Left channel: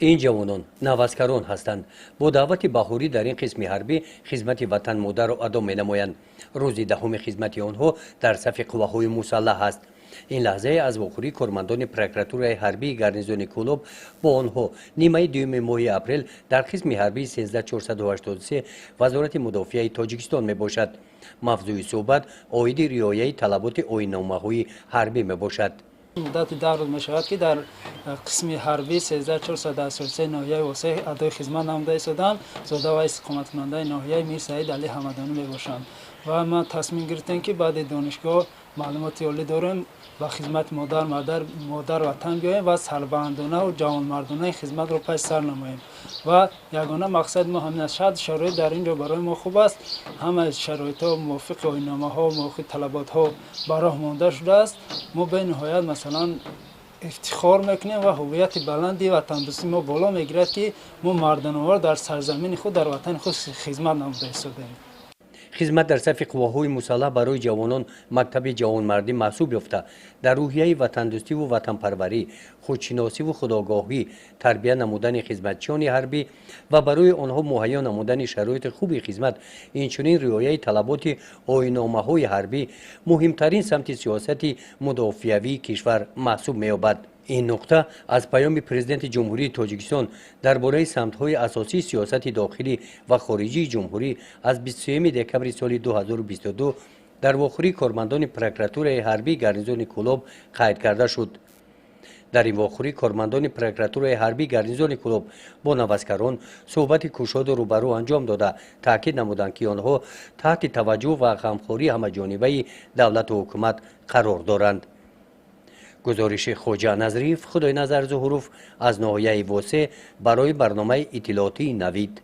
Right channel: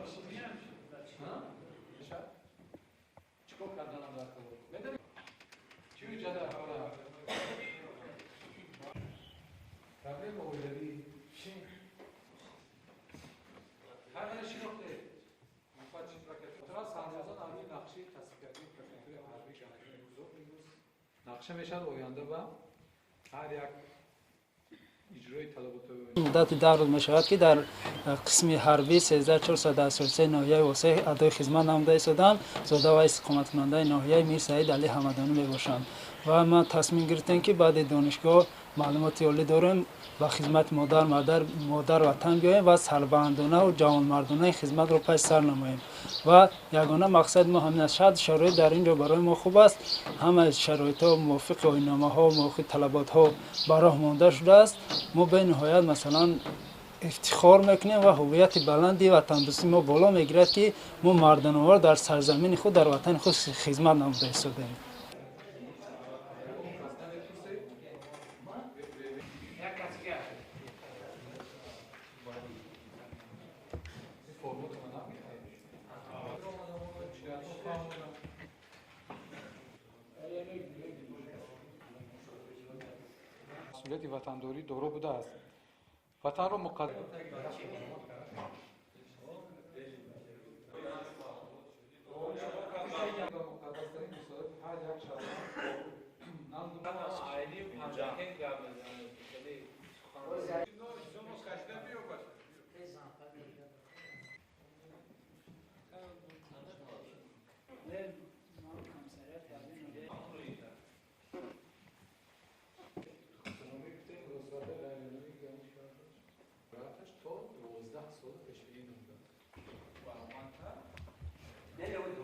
این جوانان نوازکاران هستند. با دعوت بهاری در این قسم حربی خدمت وطن مادر را ادا می‌نمایند. روز دهم خدمت آنها در صف قواهای مسلح است. این لحظه از واخوری کارمندان پروکراتورای حربی گارنیزون کولوب با آنها نیمه دوم ماه اپریل در قسم حربی 13483 وزارت مدافعه تاجیکستان میباشد. موضوع صحبت عاید رعایت طلبات آیین‌نامه‌های حربی میباشد. مدت 10 روز می شود که در قسم حربی 13483 ناحیه واسه ادای خدمت نموده ایستادم. زاده و استقامت کننده ناحیه میر سعید علی حمدانی می باشند و ما تصمیم گرفتیم که بعد دانشگاه معلومات عالی داریم و خدمت مادر وطن بیاییم و سربلندانه و جوانمردانه خدمت رو پس سر نماییم و یگانه مقصد ما همین است. شاید شرایط در اینجا برای ما خوب است، همه شرایط ها موافق آیین‌نامه ها و موافق طلبات ها برای مانده شده است. ما به نهایت مثلا افتخار میکنیم و هویت بلندی وطن دوستی ما بالا میگیرد که ما مردانوار در سرزمین خود در وطن خود خدمت نموده ایستادیم. خدمت در صف قواهای مسلح برای جوانان مکتب جوانمردی محسوب یافته. در روحیه وطن دوستی و وطن پروری، خودشناسی و خودآگاهی تربیت نمودن خدمتچیان حربی و برای آنها مهیا نمودن شرایط خوب خدمت، اینچنین رعایت طلبات آیین‌نامه‌های حربی مهمترین سمت سیاست مدافعوی کشور محسوب می‌یابد. این نقطه از پیام پرزیدنت جمهوری تاجیکستان درباره سمت‌های اساسی سیاست داخلی و خارجی جمهوری از 23 دکمبر سال 2022 در واخوری کارمندان پروکراتورای حربی گارنیزون کولوب قید کرده شد. در این واخوری کارمندان پروکراتورای حربی گارنیزون کولوب با نوازکاران صحبت کشاد و روبرو انجام داده تاکید نمودند که آنها تحت توجه و غمخواری همه‌جانبه دولت و حکومت قرار دارند. گزارش خواجه نظریف خدای نظر ظهوروف از ناحیه واسه برای برنامه اطلاعاتی نوید.